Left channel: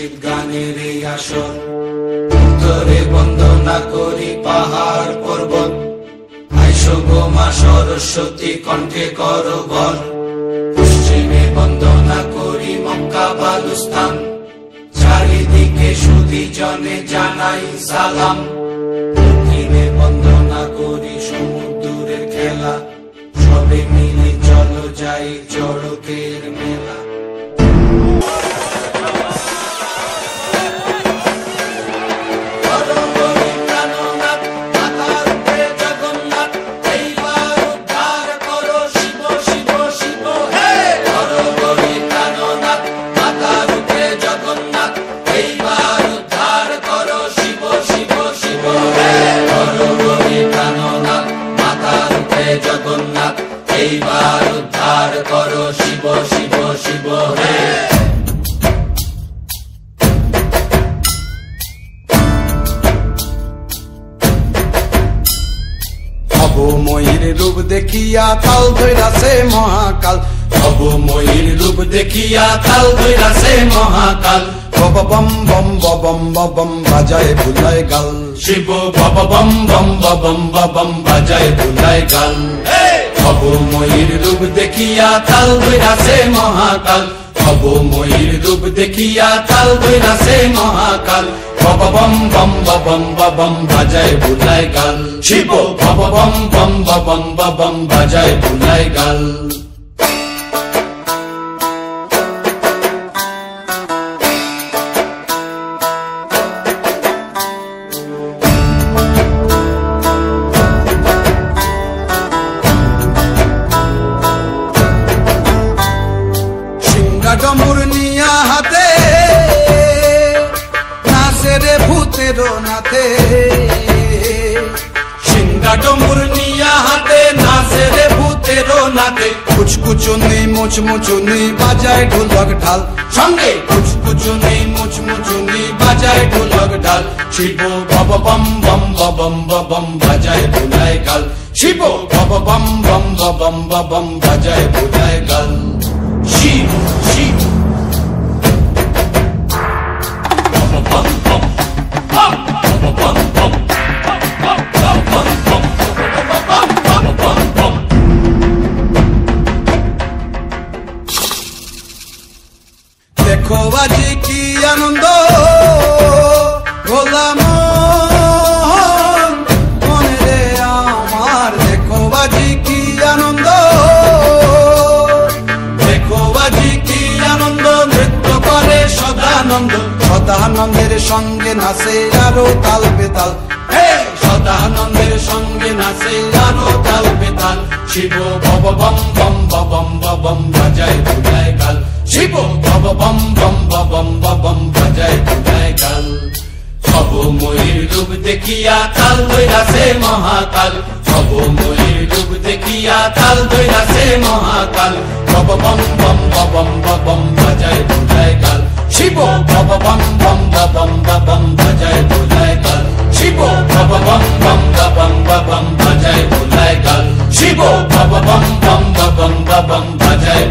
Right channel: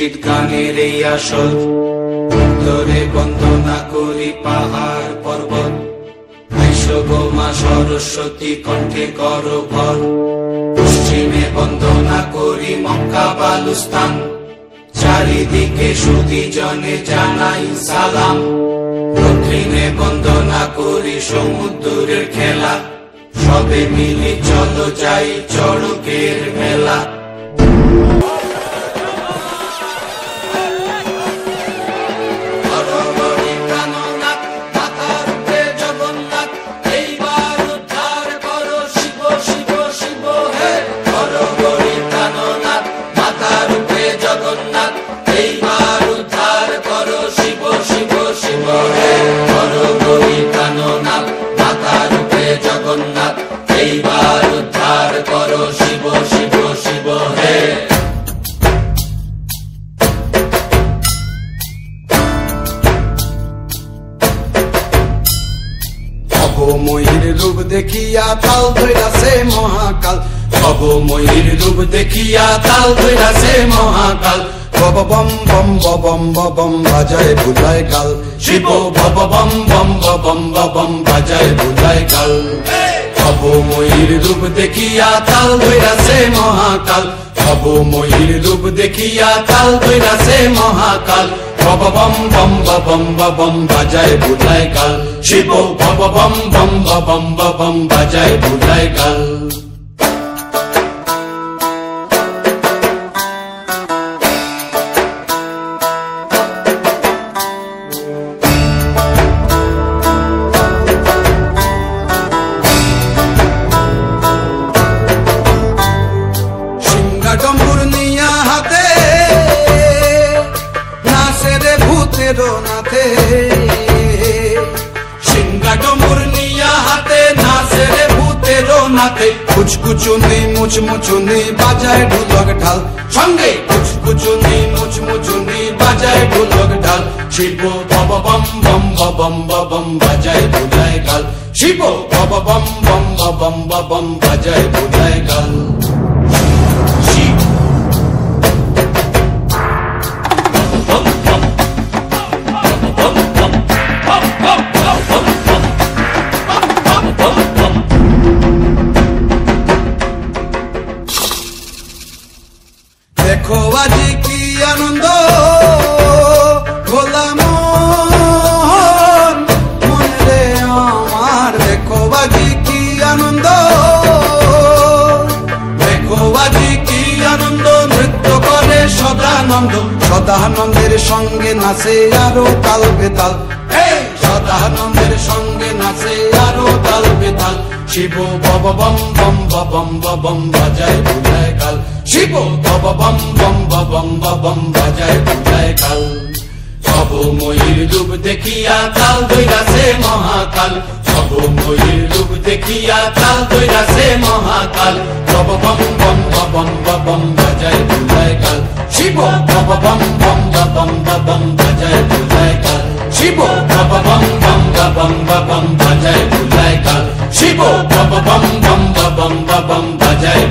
মুর্শিদ গানের এই আসর। উত্তরে বন্দনা করি পাহাড় পর্বত, আইসো গো মা সরস্বতী কণ্ঠে করো ভর। পশ্চিমে বন্দনা করি মক্কা বালুস্তান, চারিদিকে সুধী জনে জানাই সালাম। দক্ষিণে বন্দনা করি সমুদ্রের খেলা, সবে মিলে চলো যাই চড়কের মেলা। এইবার উদ্ধার করো শিব শিব শিব হে। ভবময়ীর রূপ দেখিয়া তাল ধইরাছে মহাকাল, ভবময়ীর রূপ দেখিয়া তাল ধইরাছে মহাকাল। বব বম বম বম বম বাজায় বুলায় গাল, শিব ভব বম বম বম বম বাজায় বুলায় গাল। ভবময়ীর রূপ দেখিয়া তাল ধইরাছে মহাকাল, ভবময়ীর রূপ দেখিয়া তাল ধইরাছে মহাকাল। ভব বম বম বম বাজায় বুলায় গাল, শিব ভব বম বম বম বাজায় বুলায় গাল। ডম্বুর নিয়া হাতে নাচে রে ভূতের নাথে, সিংহা ডম্বুর নিয়া হাতে নাচে রে ভূতের নাথে। কুচকুচুনি মুচমুচুনি বাজায় ঢোলক ঢাল, সঙ্গে কুচকুচুনি মুচমুচুনি বাজায় ঢোলক ঢাল। শিব ভব বম বম বম বাজায় বুলায় গাল, শিব ভব বম বম বম বাজায় বুলায় গাল। শিব শিব দেখো আজি কি আনন্দ গোলাম মনে রে আমার, দেখো আজি কি আনন্দ, দেখো আজি কি আনন্দ, নৃত্য করে সদানন্দ। সদানন্দের সঙ্গে নাচে আরো তাল বেতাল, সদানন্দের সঙ্গে নাচে আরো তাল বেতাল। শিব ভব বম বম বাজায় বুলায় গাল, শিব ভব বম বম বাজায় বুলায় গাল। ভবময়ীর রূপ দেখিয়া তাল ধইরাছে মহাকাল, ভবময়ীর রূপ দেখিয়া তাল ধইরাছে মহাকাল। ভব বম বম বাজায় বুলায় গাল, শিব ভব বম বম বাজায় বুলায় গাল, শিব ভব বম বম বাজায় বুলায় গাল, শিব ভব বম বম বাজায়